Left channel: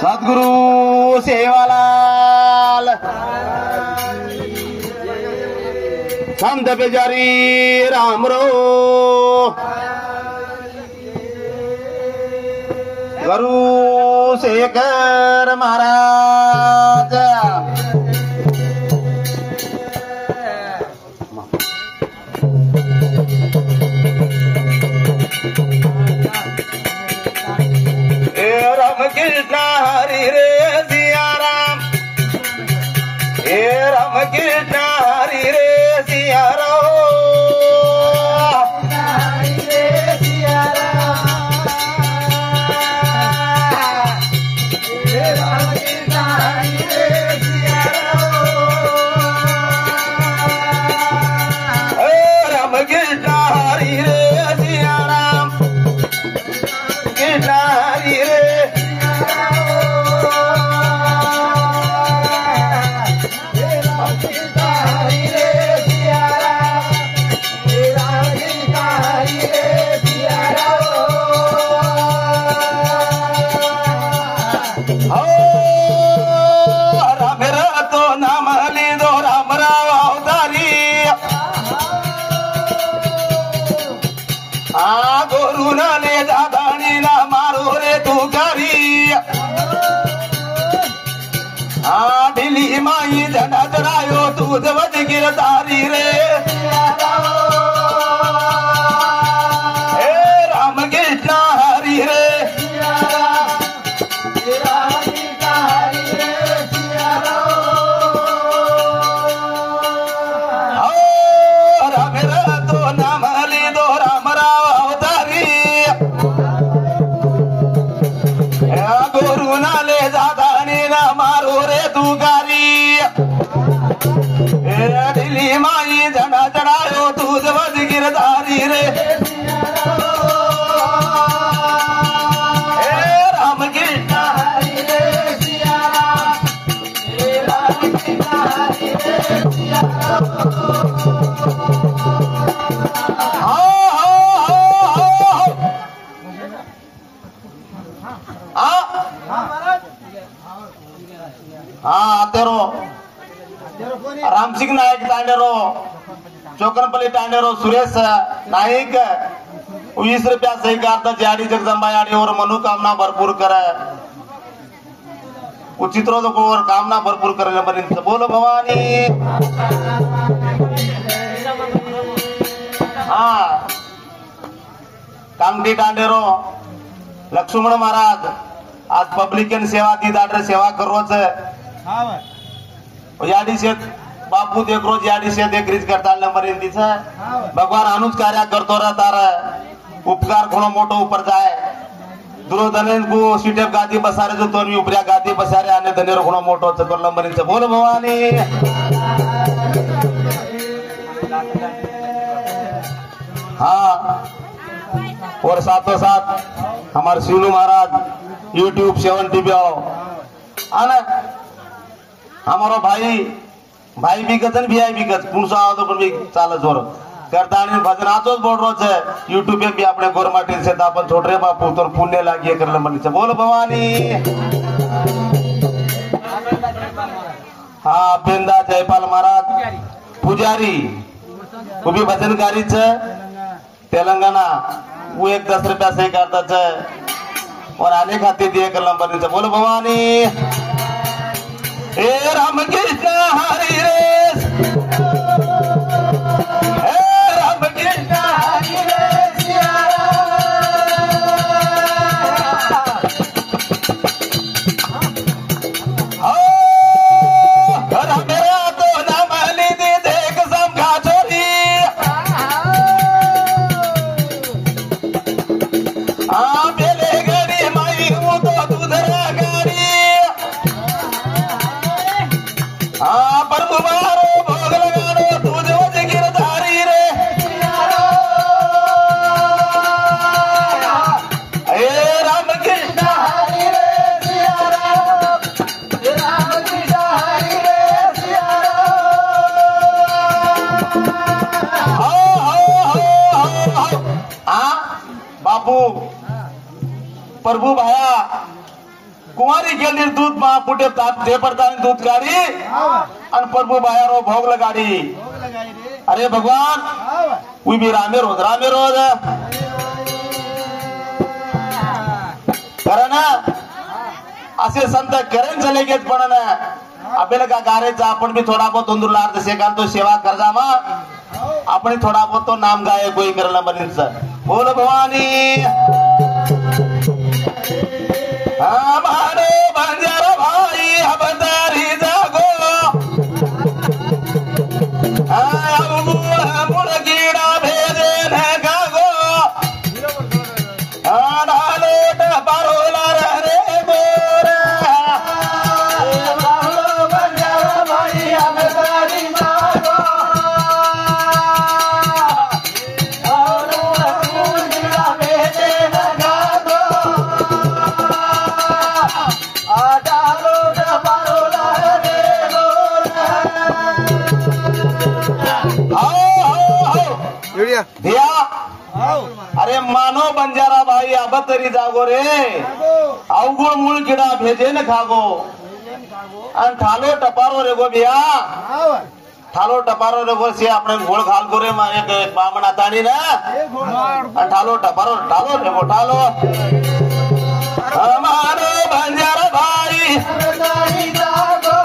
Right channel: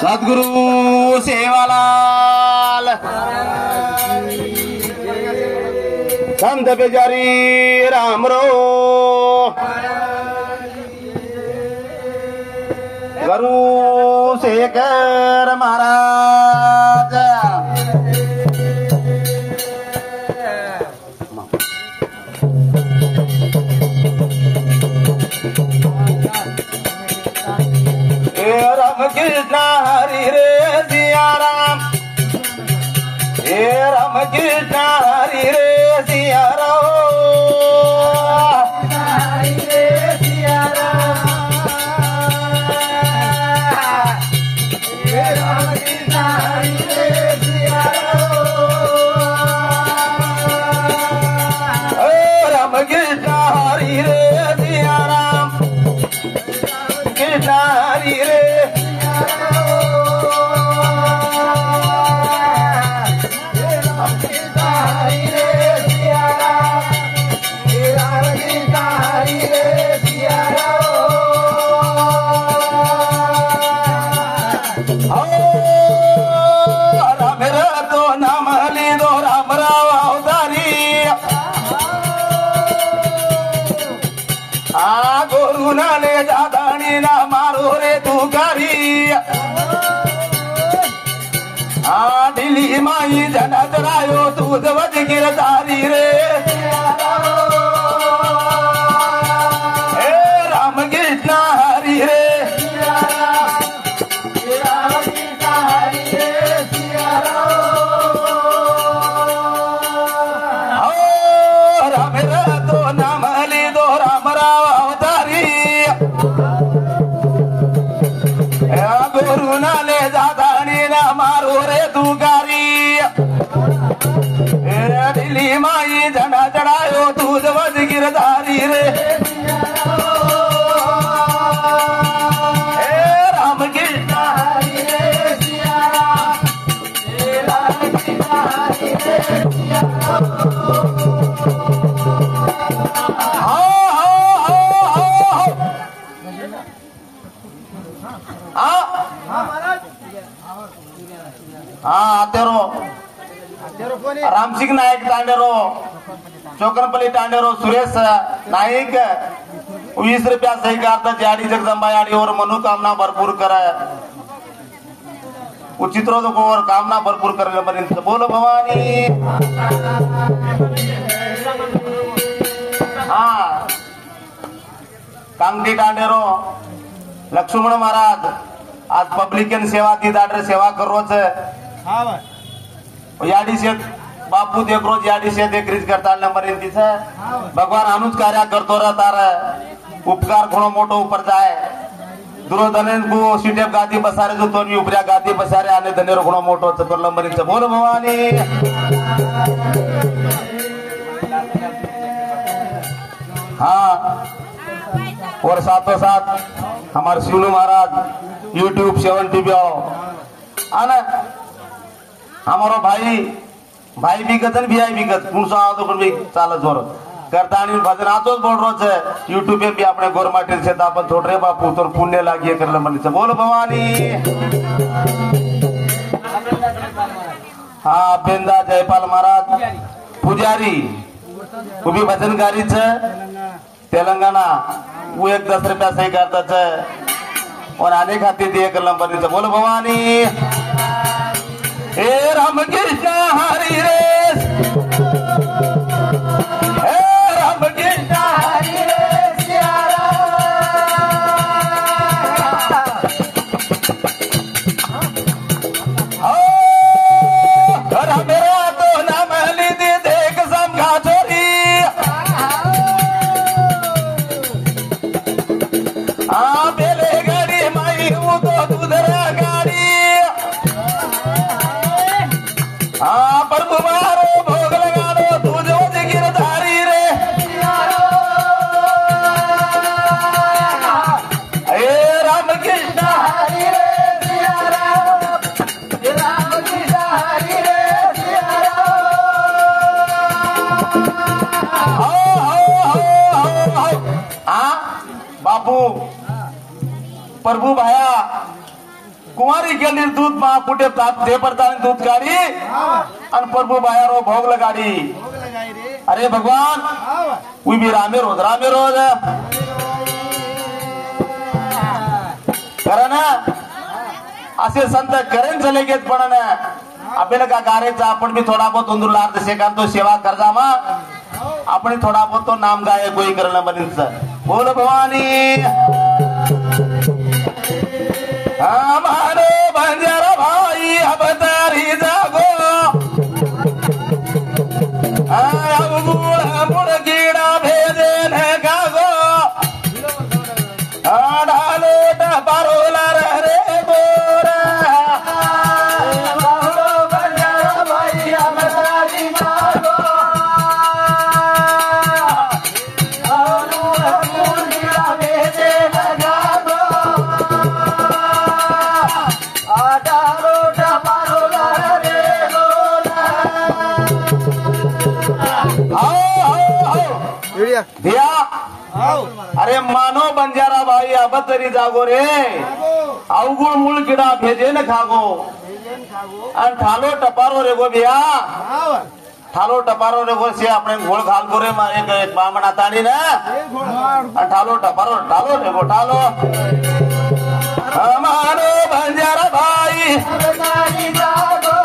सदगुरु सेवालाल संत बेजारी राम रो गुरु शेखर महाराज राम कृष्ण हरि रे सिया राम हे राम कृष्ण हरि रे सिया माई जना चढ़ायो तू दवज गिरधारी रे हे राम कृष्ण हरि रे राम तो नाम ली दो राम राव अवतारी गुरु ना ले जादानी ना मारो रे तू दिल्ली माई झंडा चढ़ायो तू दवज गिरधारी रे हे राम कृष्ण हरि रे सिया हे राम कृष्ण हरि रे सिया तेरो राम सिंग नायक तांडेरो चोकनपल्ली तांडेरो सुरेश नाईक 20 रुपया सही करता जाडी जगदंबा याडी और मनोकामना भरपूर करे उचित रोज और कामना भरपूर करे मरीन बोलो भवानी हाँ कामटी तांडेरो लक्ष्मण महाराज आज पब्लिक सेवा ती दाडरे सेवा करोच याडी से बापू देख रोज याडी से देख रीत करता मरीन तिचं भगवान अनुज कार्य करतो रहा तारा उपकार खुणो मोटो ऊपर जाए दुर्योधन को सीटे गादी बसारे जो तो उपरिया गादी बसारे आने धनेर खुणो मोटो चतुर्ल मरीन से बोलो भवानी हाँ और साथों साथ हमारे शिवलू महाराज YouTube 7 TV आना हमारा भाई भी गजन भी आई भी गज पुरुषा तो भी चाल जोर करता आणि भजन आतोच बोल रोज YouTube पे भी अपने गोरमाटेल से आपण छोटरे बापू तो पुण्य लागिए करलं म्हणजे बोल भवानी हाँ बिंदा जयपाल महाराज पुजारी वो भी भजनकारीच तेलंगाना वो 10 रुपया सही करताच और आने खाते दिए करलं म्हणजे बोल भवानी हे राम कृष्ण हरि रे हे राम कृष्ण हरि रे सिया राम मेरा तो नाम ली दे देख समझा चोरी बेले गड़ी माई हूँ तो तुधरा गाड़ी भोग लगानो तू दवज गिरधारी रे हे राम कृष्ण हरि रे सिया राम कृष्ण हरि रे सिया राम बापू प्रभु भाया कुंवारी केली दूध मा कुठे ते पडता दूध गाडी आणि प्रभू बाहेर भोग लगाडी अरे भगवान उभी रामे रोज कारण असे संत करेन चले घेत पण आपल्याला का गारेचा आपण भी थोडा बहुत उंदूरला अर्ध सेकाल तो सेवा करजा मा आपण थोडा बहुत तो नाम गाय कोई करना बनीच बोल भवानी हमारो बंजारा भाई अब तरी जागो मुड़गीड़ा भेजे न गागो डालो टपारोला रे गोरा हमारो बंजारा भाई अब तरी जागो मुड़गीड़ा भेजे न गागो डालो टपारोला रे गोरा दिया अरे मानो बंजारा भाई अब तरी जागो रे अवगुण मूळ किडा भेजे न खागो आणि ठालो टपारो रे गो बिया ठालो टपारो रे गो से આપણે ઘોળ ખાલ ગોરે મારે કે બામણા તાડી ને અને ઠાલો ટપારો ઠાલો રે ગો ઠાલો हमारो बंजारा भाई तारी जागो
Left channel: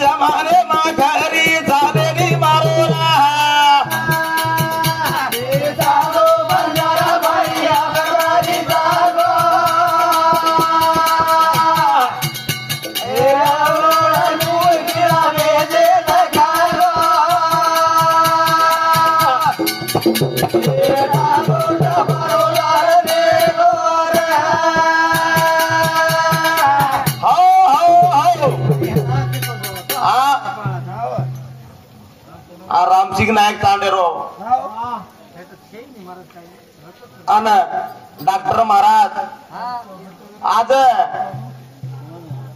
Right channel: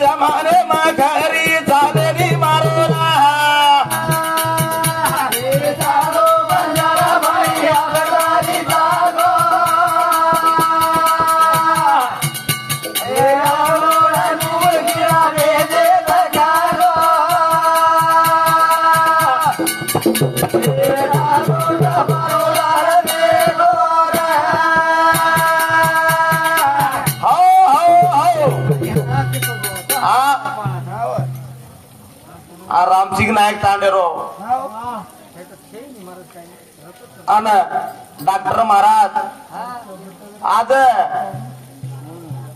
जमाने में घरी जाने मारो बंजारा भाई अबतारी जागो रामसिंग नायक तांडेरो आणि डॉक्टर महाराज आज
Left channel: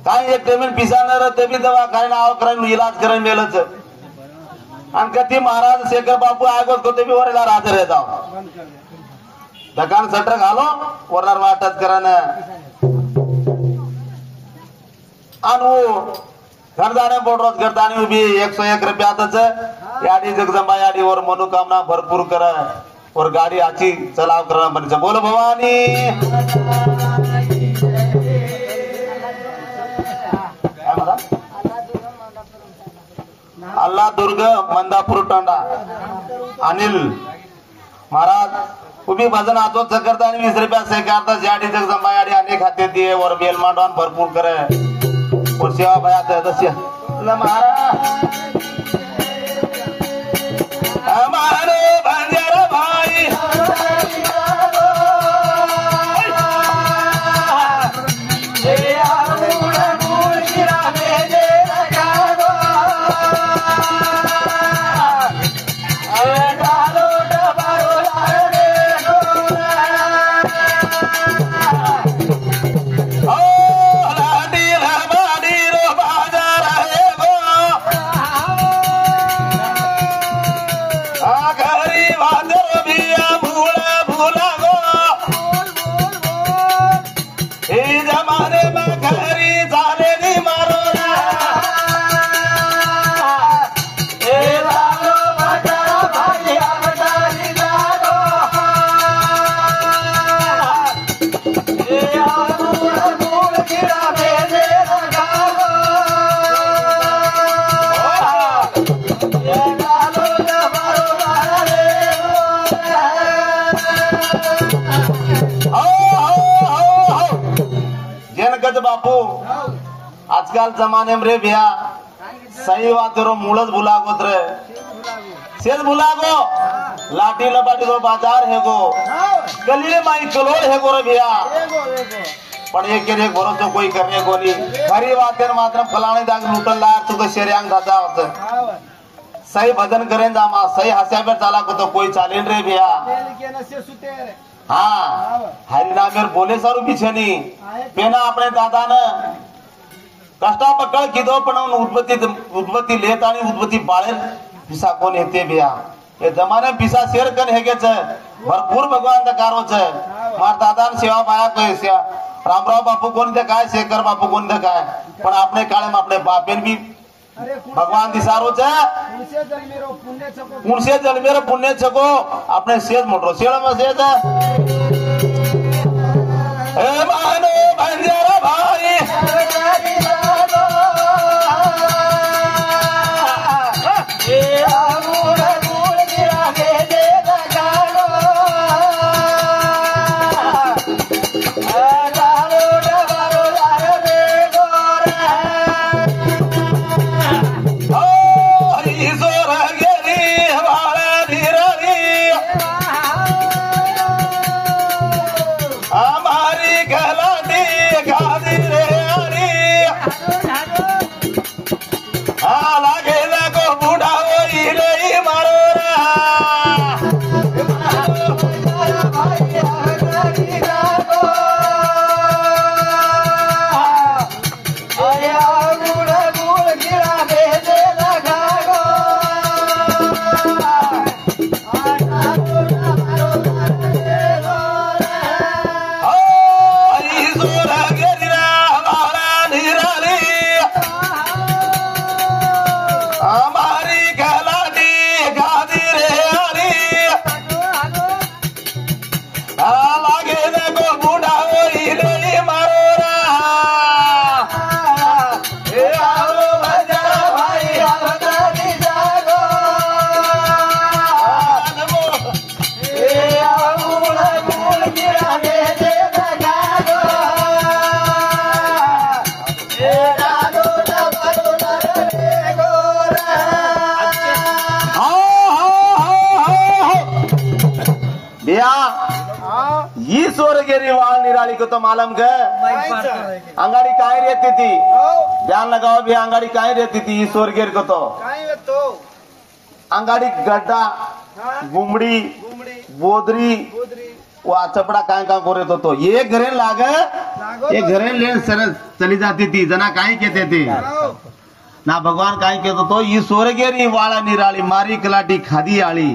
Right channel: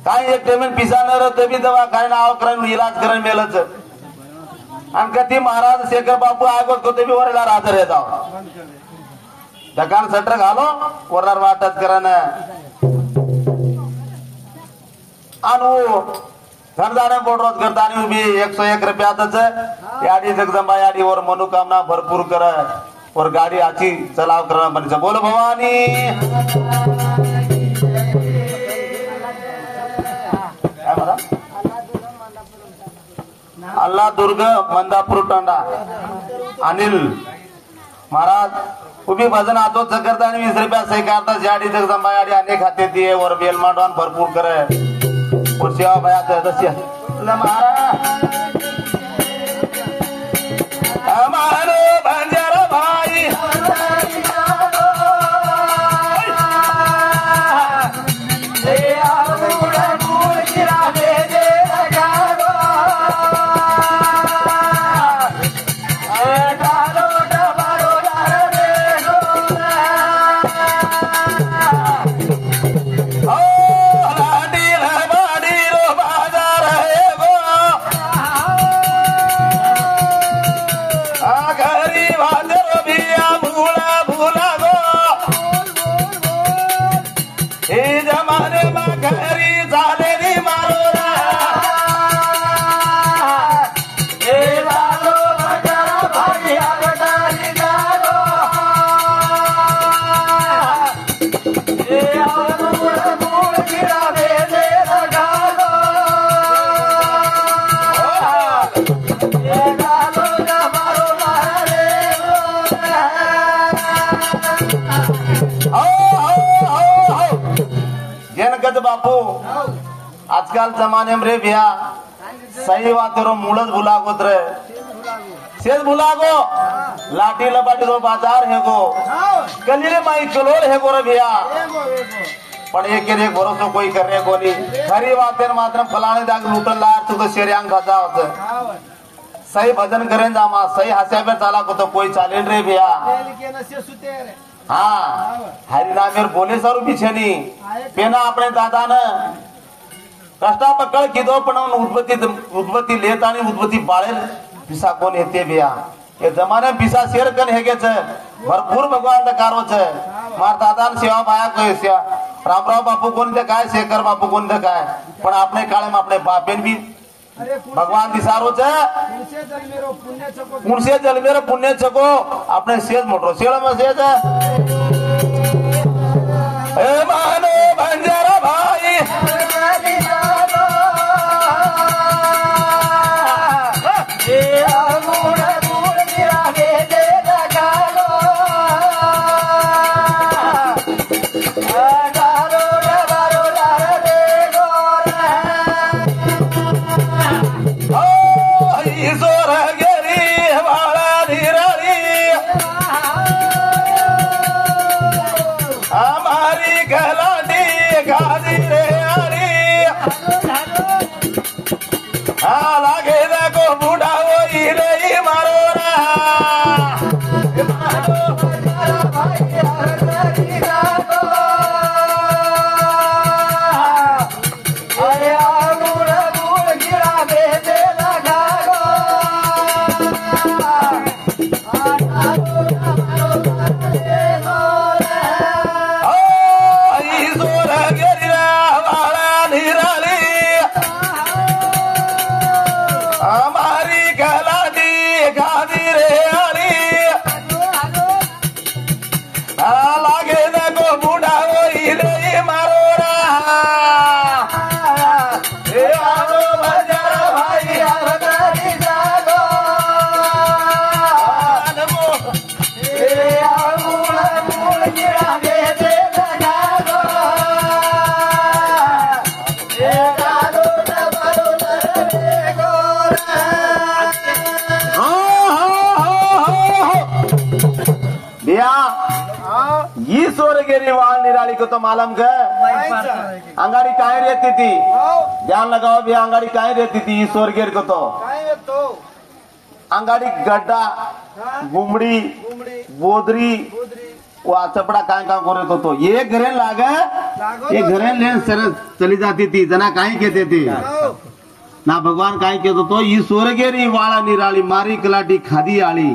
काय एक पेमेंट पिसाणार ते बी दवा काय नाव करून इलाज करून मेलच आणि कधी महाराज शेखर बापू आगोत को ते बी वरला राहत रहता दकान सटर घालो वरणार वाटत करन आणि घरदाने बोडरोज करतानी उभी 101 रुपयातच याडी जगदंबा याडी वर मनोकामना भरपूर कर और गाडी आची चलाव कर म्हणजे बोल भवानी अल्लाह दुर्ग मंदापूर टोंडा अनिल महाराज उभी भजन आतो करतानी 20 रुपया सही करता याडी जगदंबा याडी अनेक खाते दिए और बेल मांडवान भरपूर करे और सेवा भया दस्य हमारो बंजारा भाई बापू आजकाल जमाने में रे भैया सही बात रो मूलज भुलागो रे शेष भुलागो लाठी लबाटी रो बाजार है गो गली माई चलोड़ है गो रे भैया पण एक भरोसा कोई करने को नहीं खरी बात मात्र फलाने दाग लुटन लायर तो शेरियांग घाचा होत सही भजन करें जामा सही हस्याबर चाला को तो कोई चालेन रे भैया हाँ हरिनामेर बोले सारू पीछे नहीं पेना अपने दादा ने कष्टा पकड़ किदो पण उद्बत्ती लेत आणि उद्बत्ती बाळेल पिसा कोण येते भैया ये जमाने पिसा शेर कन हेगेच भरपूर भगवान दा कारो छे मार दादा ने सेवा पाया कय सेवा रामराव बापू कोण ते काय शेखर बापू कोण ते काय पण आपने काळे में अपने बापेन भी भगवान दिसारो छे कुणसे जलमेरो पुण्य छको अपने सेज मोटरो सेळ में सेज ए मानो बंजारा भाई निराली को तो मालूम है अंगाड़ी काहे रहती थी ध्यान लगाओ भी अंगाड़ी काहे रहती थी ईश्वर गिर को तो अंगाड़ी गड्ढा गुमड़ी बोदरी वो चपड़ा काय का करे तो ये घरे लागे ये घरे लेन चली जाती थी जना काहे कहते थे ना भगवान काहे कहते तो ईश्वर गिरी वाला निराली मारी कलाटी खादी आली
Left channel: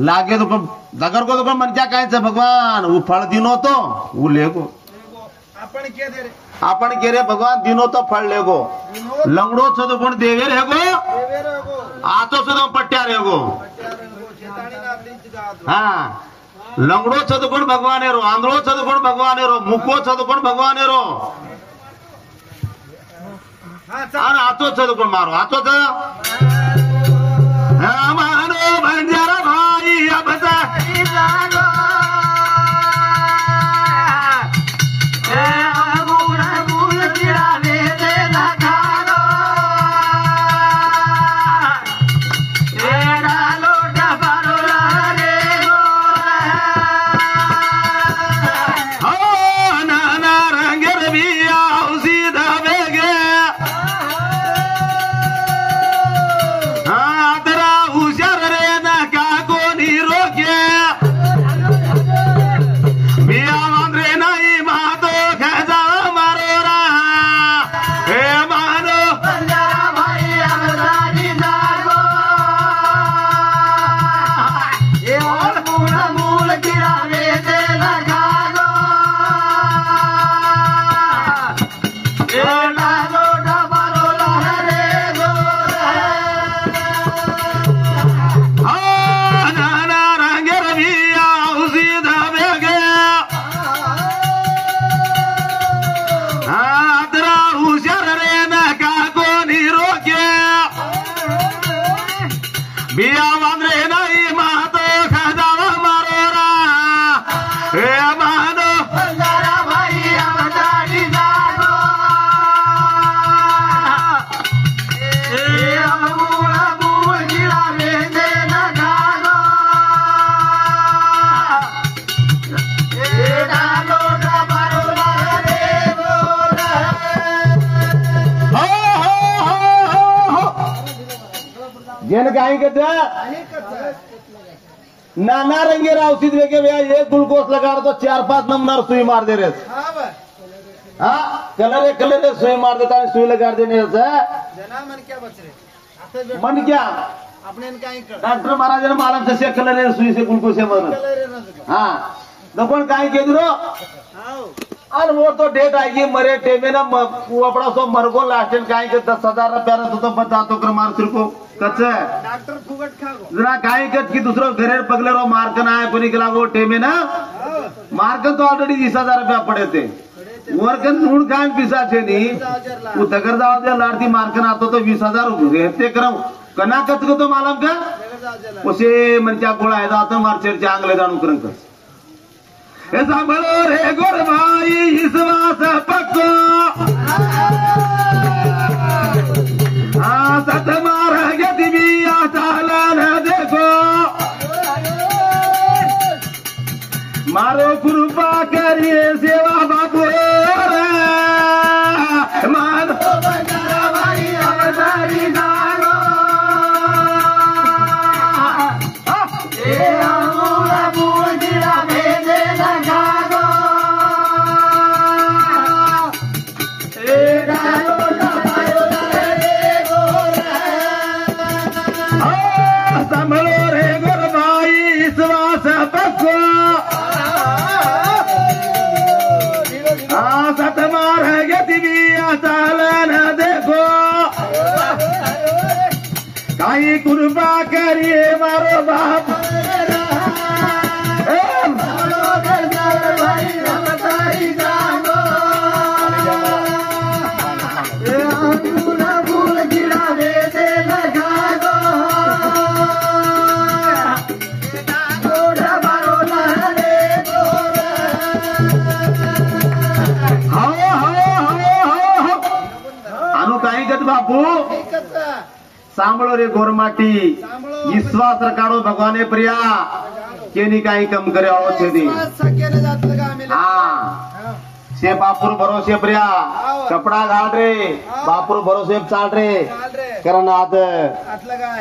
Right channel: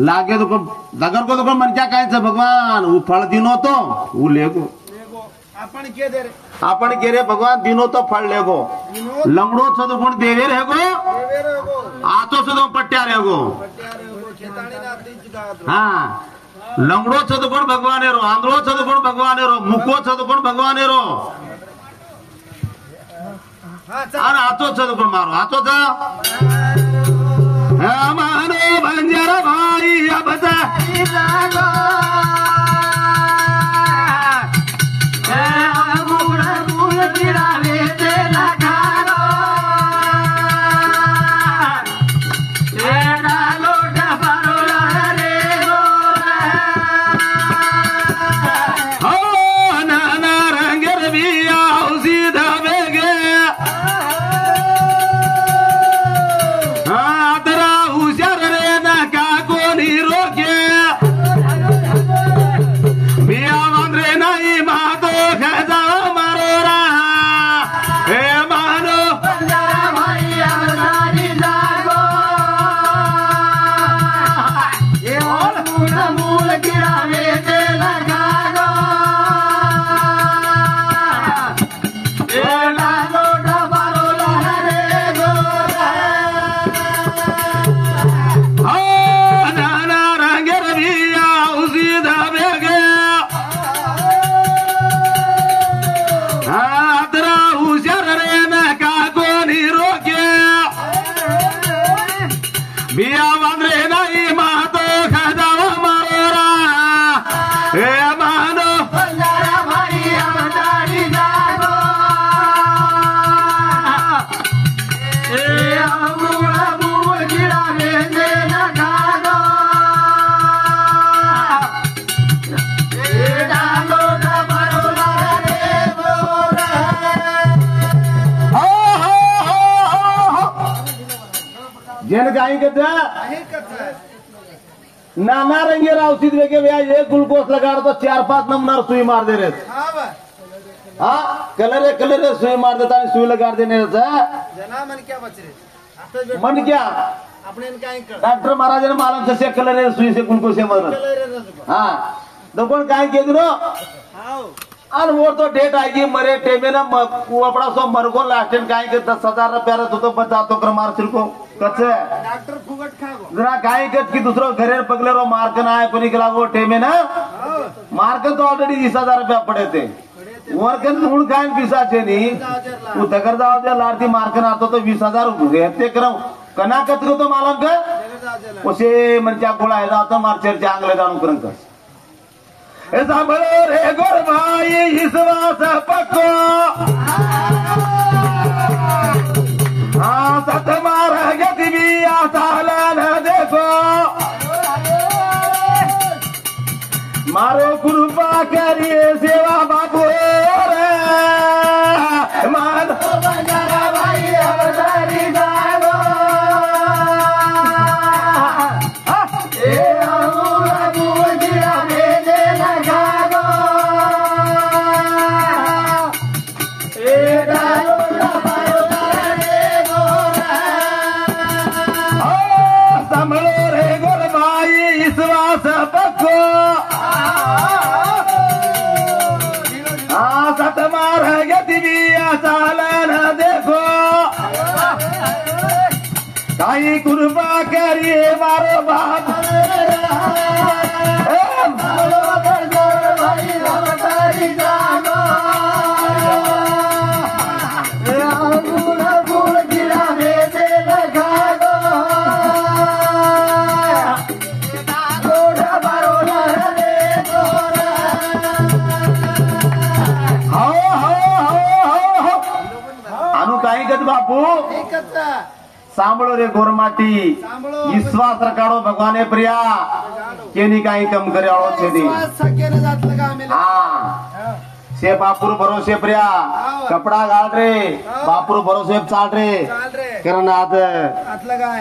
लागे तो नगर को तो मन क्या कहे भगवान वो फल दिनो तो वो लेगो अपन के रे भगवान दिनो तो फल लेगो लंगड़ो छो तो कौन देवे रहेगो आतो छो तो पट्या रहेगो हाँ लंगड़ो छो तो कौन भगवान रो आंधड़ो छो तो कौन भगवान रो मुखो छो तो कौन भगवान रो आतो छो तो कौन मारो आतो था मानो बंजारा भाई अब જેને કાંઈ કહેતા नाना रंगे औषध लेके भैया ये ग्लूकोज लगा तो 4-5 नंबर सुई मार दे रहे हाँ कलर सुई मार देता है सुई लगा देने मन क्या बच रहे मन क्या अपने डॉक्टर महाराज ने मालूम से कलर सुई से ग्लूकोज से मर हाँ तो कौन काहे के दिरो और वो तो डेट आएगी मरे टेमे ना अपना सब मरगो लास्ट टाइम काहे के 10,000 रुपया तो बता तो कर मार सिर को कच्चे डॉक्टर फुगट खागो जरा काहे के की दूसरो घरे पगले रो मार के ना है कोनी के लागो टेमे ना मार के तो ऑलरेडी 20,000 रुपया पड़े थे वर्कन मूड काहे पिसा छे नी वो दगर जाओ दे लारती मार के ना तो 20,000 रहते करो कना कतरो तो मालूम के उसे मन क्या गोळा है जाता मार चर्चा आंगले जाणू करन का सांभळो रे गोरबाई विश्वास पक्को सत मार गति भी आसाला न देखो मारो कृपा करिए सेवा बाबू मारो बंजारा भाई अवतारी डालो कृपा करिए मारो बाप अनु काही गत बापू सांभळो रे गोरमाटी विश्वास रखाड़ो भगवाने प्रिया केनी काई कम करे आओ छे दी हां से बापुर भरोसे प्रिया कपड़ा घाल रे बापुर भरोसे चाल रे कारण आज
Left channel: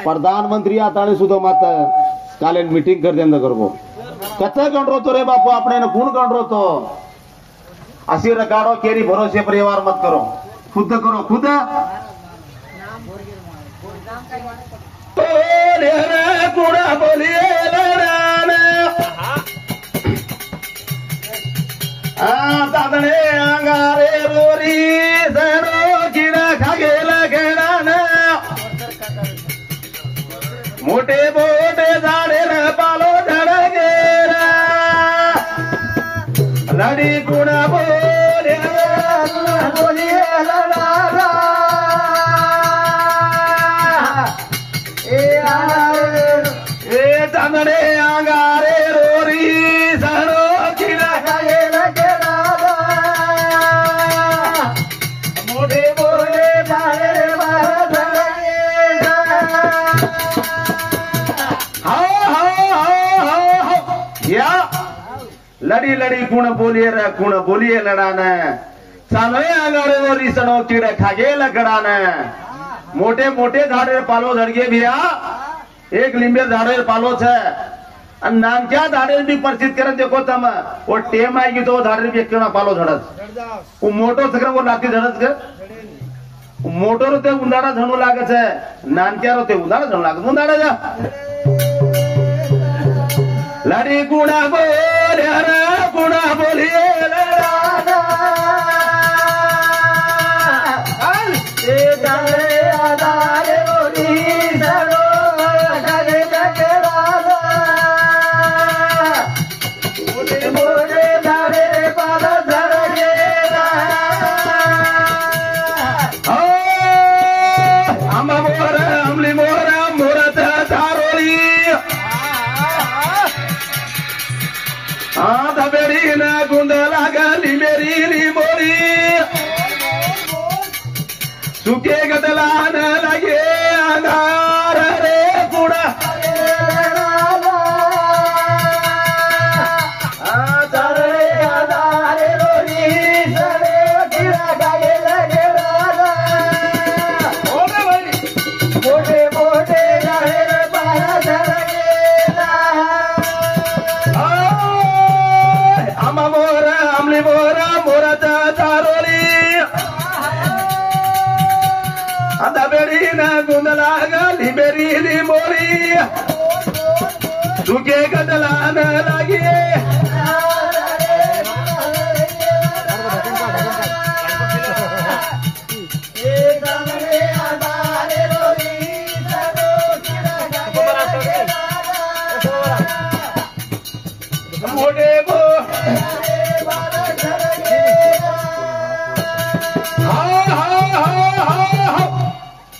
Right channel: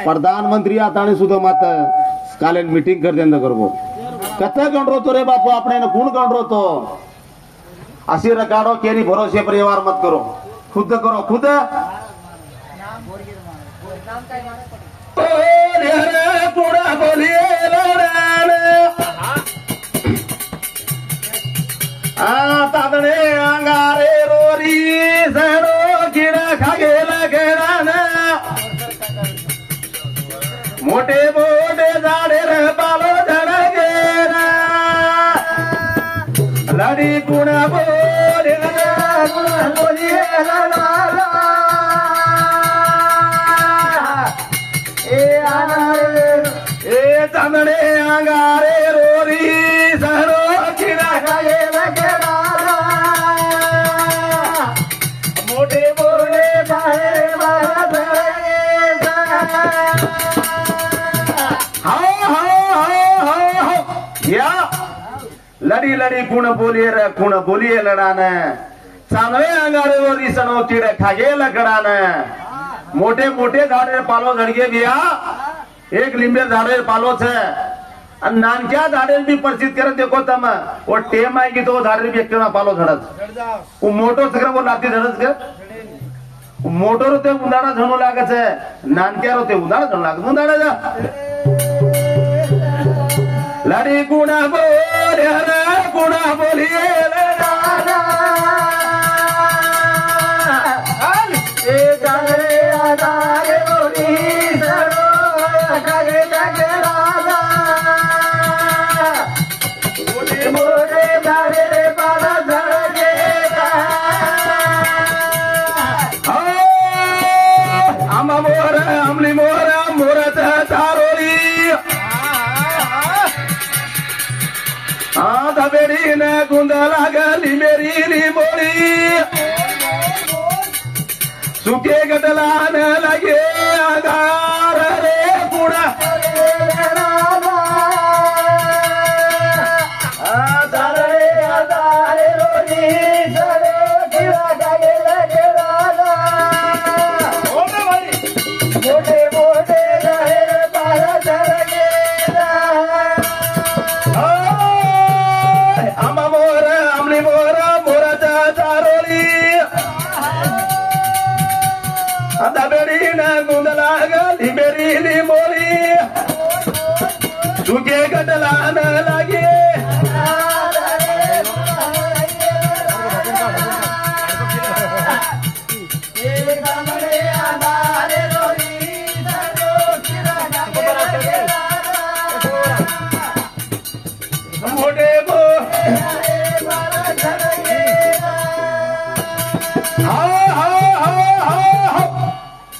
प्रधानमंत्री आतानी सुद्धा मत काले मीटिंग कर देंदा करबो कच्चा गणरो तो रे बापू आपने गुण गणरो तो असी रखाड़ो केनी भरोसे परिवार मत करो खुद करो खुद पूरा बोलिए तादने अंगारे रोरी सनो गिरा खागेला घेराना मोटे मोटे झाडे पालो झाड गेरा लडी कुणा बोले बोलिए तमने अंगारे रोरी सरो किरा मोटे बोले जाए या लड़ी लड़ी कुण बोलिए लड़ान चांगले अंगारे रोरी सनो किडा खागे लगड़ान मोटे मोटे झाड़े पालो झड़गे भैया एक लिंबे झाड़े पालो छे नानक्या झाड़े भी परिचित करे देखो तम वो टेम आएगी तो झाड़े भी एक पालो झड़त वो मोटो सकर वो लाती झड़त के मोटो रोते उंदाड़ा झणू लागे छे नानक्या रोते उंदाड़ा झणू लागे उंदाड़ा जा लड़ी गुणा बोलिए सुखे गदलान लगे अंगार रे पूरा मोटे मोटे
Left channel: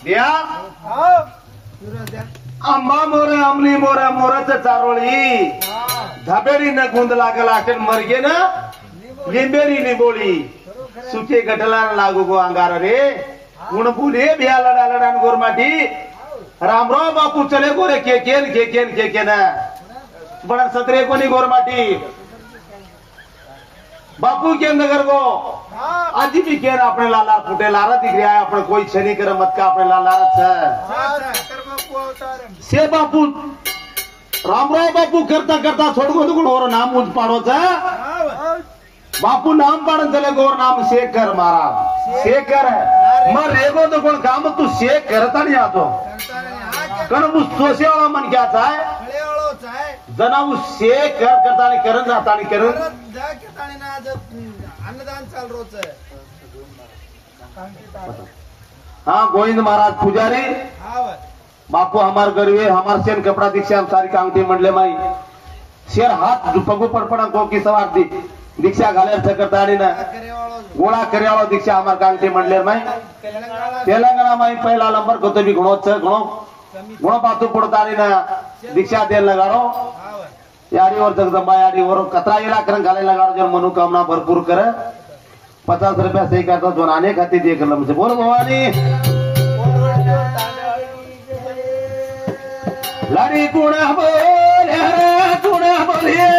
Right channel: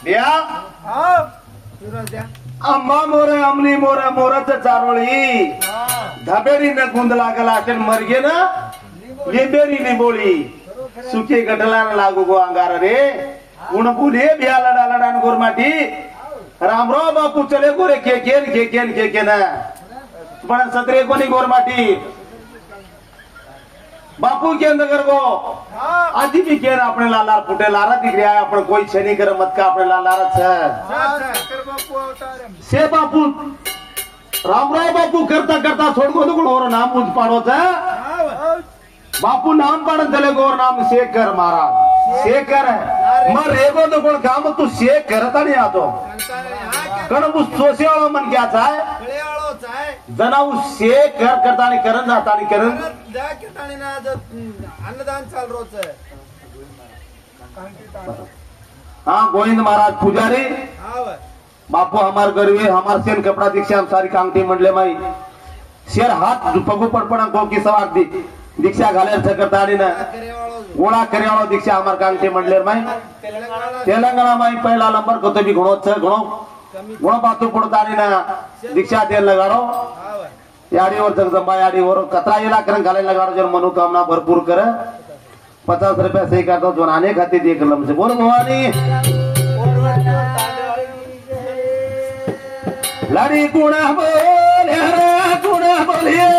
बिया हो फिरत द्या आंबा मोर आमली मोरा मोराच चारोळी धाबेडी न गुंद लागला असेल मर्गे न लिंबेरी निबोळी सुखे गटला लागू गो अंगार रे गुण बोले बिया लडा लडान गोरमाटी रामराव बापू चले गोरे के बड़ा सतरे कोनी गोरमाटी बापू के नगर को आज भी केन अपने लाला फुटे लारा दिख रहा है अपने कोई छनी कर मत का अपने लाला से बापू रामराव बापू करता करता छोड़ को तो गोर नाम उज पाड़ो बापू नाम पाड़न चले गोर नाम शेखर महाराज शेखर है मर रेगो तो कोण काम तू शेख करता नहीं आतो कारण उस सोसे वाला मन क्या चाहे जना उस शेख करता नहीं करन जाता नहीं करन अन्नदान चाल रोज हाँ गोविंद महाराज पुजारी बापू हमार गरीबे हमार शेर कपड़ा दीक्षा हम सारी कांगटी मंडले माई शेर हाथ पगू पडपणा गो की सवार दी दीक्षा घालेर करता ना गोळा कर्यावाळो दीक्षा हमार कांगटी मंडले माई तेलंगाना माई पहला नंबर को भी गुणो गुण बातू पड़ता ना दीक्षा देन लगाड़ो यारी और तक जमा यारी और कतरा इलाका घाले लगाड़ो जन मनोकामना भरपूर करे 50 रुपया सही करता जो आने खाती देख लम से बोल भवानी लड़ी गुणा बोल गुणा बोलिए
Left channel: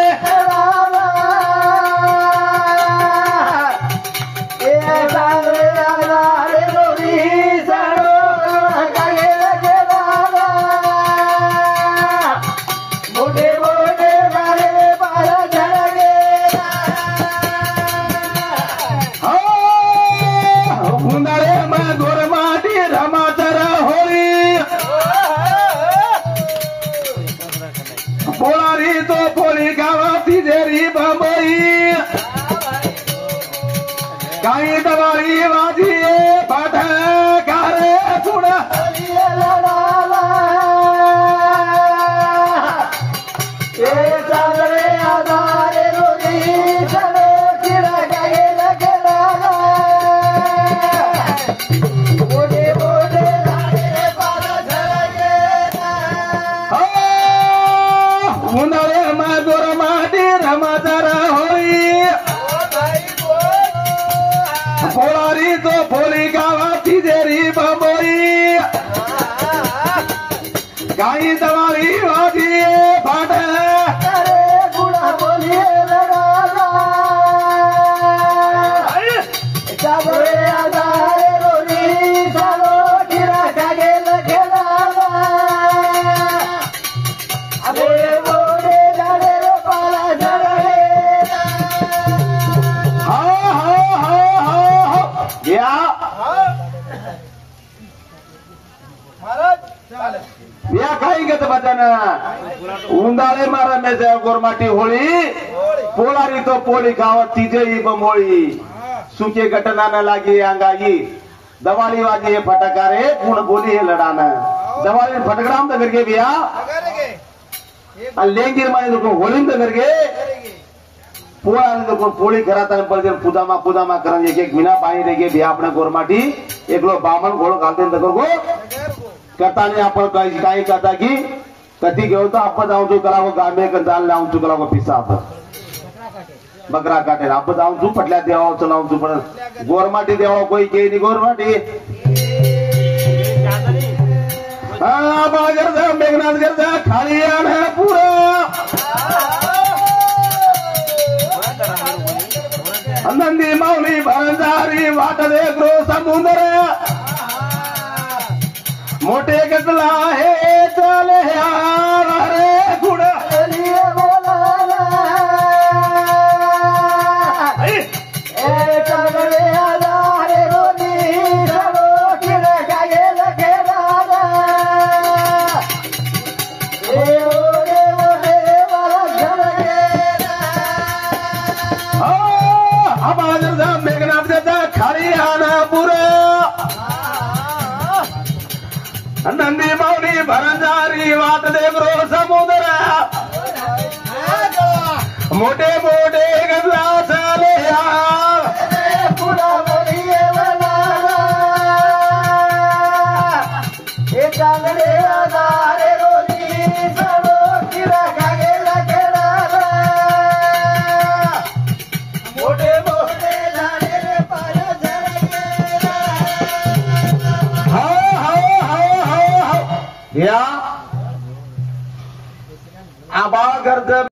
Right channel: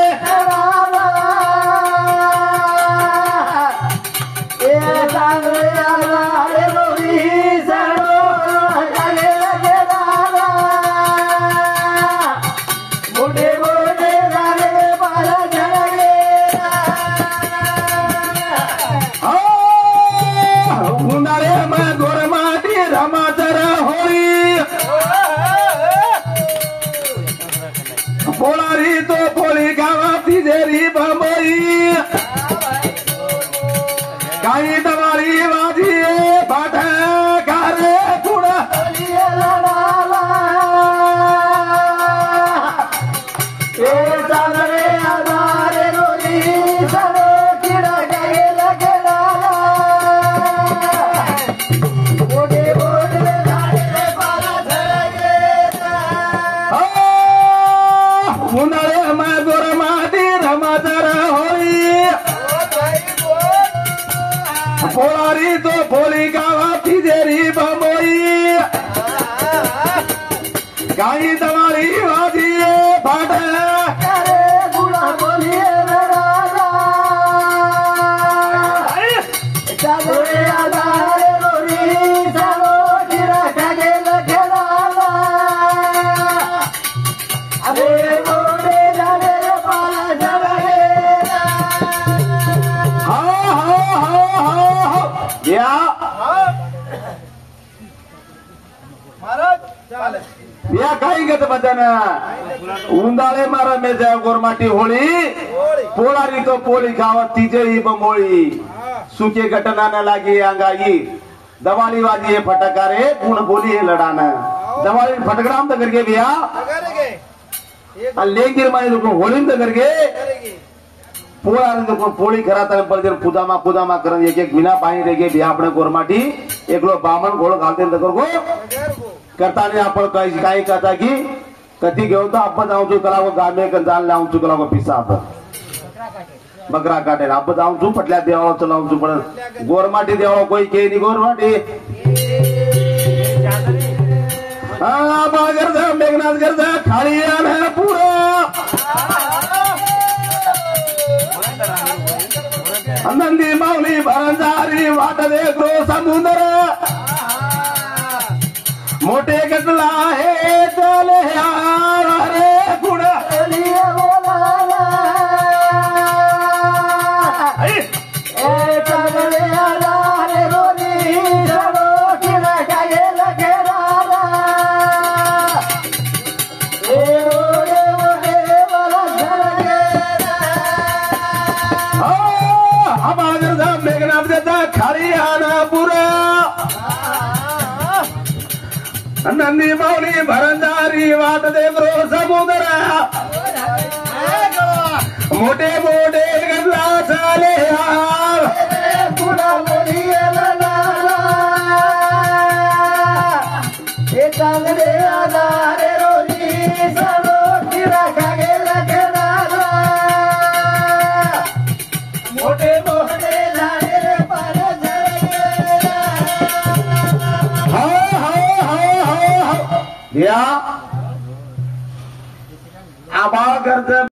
पोळारी तो पोळी गावाती जेरी बंबई काही दवाळी वाजी पाठ गारे तुडा उन्हाळे मागोर माटी रमाचार होळी पोळारी तो पोळी गावाती जेरी बंबई काही दवाळी वाजी पाठ या काही गत बदना उंदाळे मारा मेजा गोरमाटी होळी पोळारी तो पोळी गावात तिजेरी बंबोळी सुके घटना न लागी अंगाई दवाली वाजी फटकारे गुण बोली हे लडाना दवाली फटकराम तो करके बिया लेंगिर माई तो होळी तो करके पोळारी तो पोळी घरात पडते पूजामा करन एक एक बिना पाणी रेगे बिया आपण गोरमाटी एकलो बामण गोळ घालते तो करको करता नहीं आप काही कहता कि कति घेऊ तो आप जाऊं चु कला गामे कर जान लाऊं चु कला पिसा बकरा काटे आप जाऊं चु पटल्या देवा चलाऊं चु पण गोरमाटी देवा कोई के नी गोरमाटी हां बागर जा मेघनाथ कर जा खाली आना पूरा नंदी माऊली भरंजारी वाट दे गो समुद्र मोटे गजला है चले रे गुणा मेघनाथ गजा खाली आना पूरा नंदी माऊली भरंजारी वाट दे गो समुद्र मोटे मोटे गजला चाले लागले आजारे रोजी साडो किरा गेला केदारा मोठे मोठे झाले रे पार झरगेला या आबाळ गर्द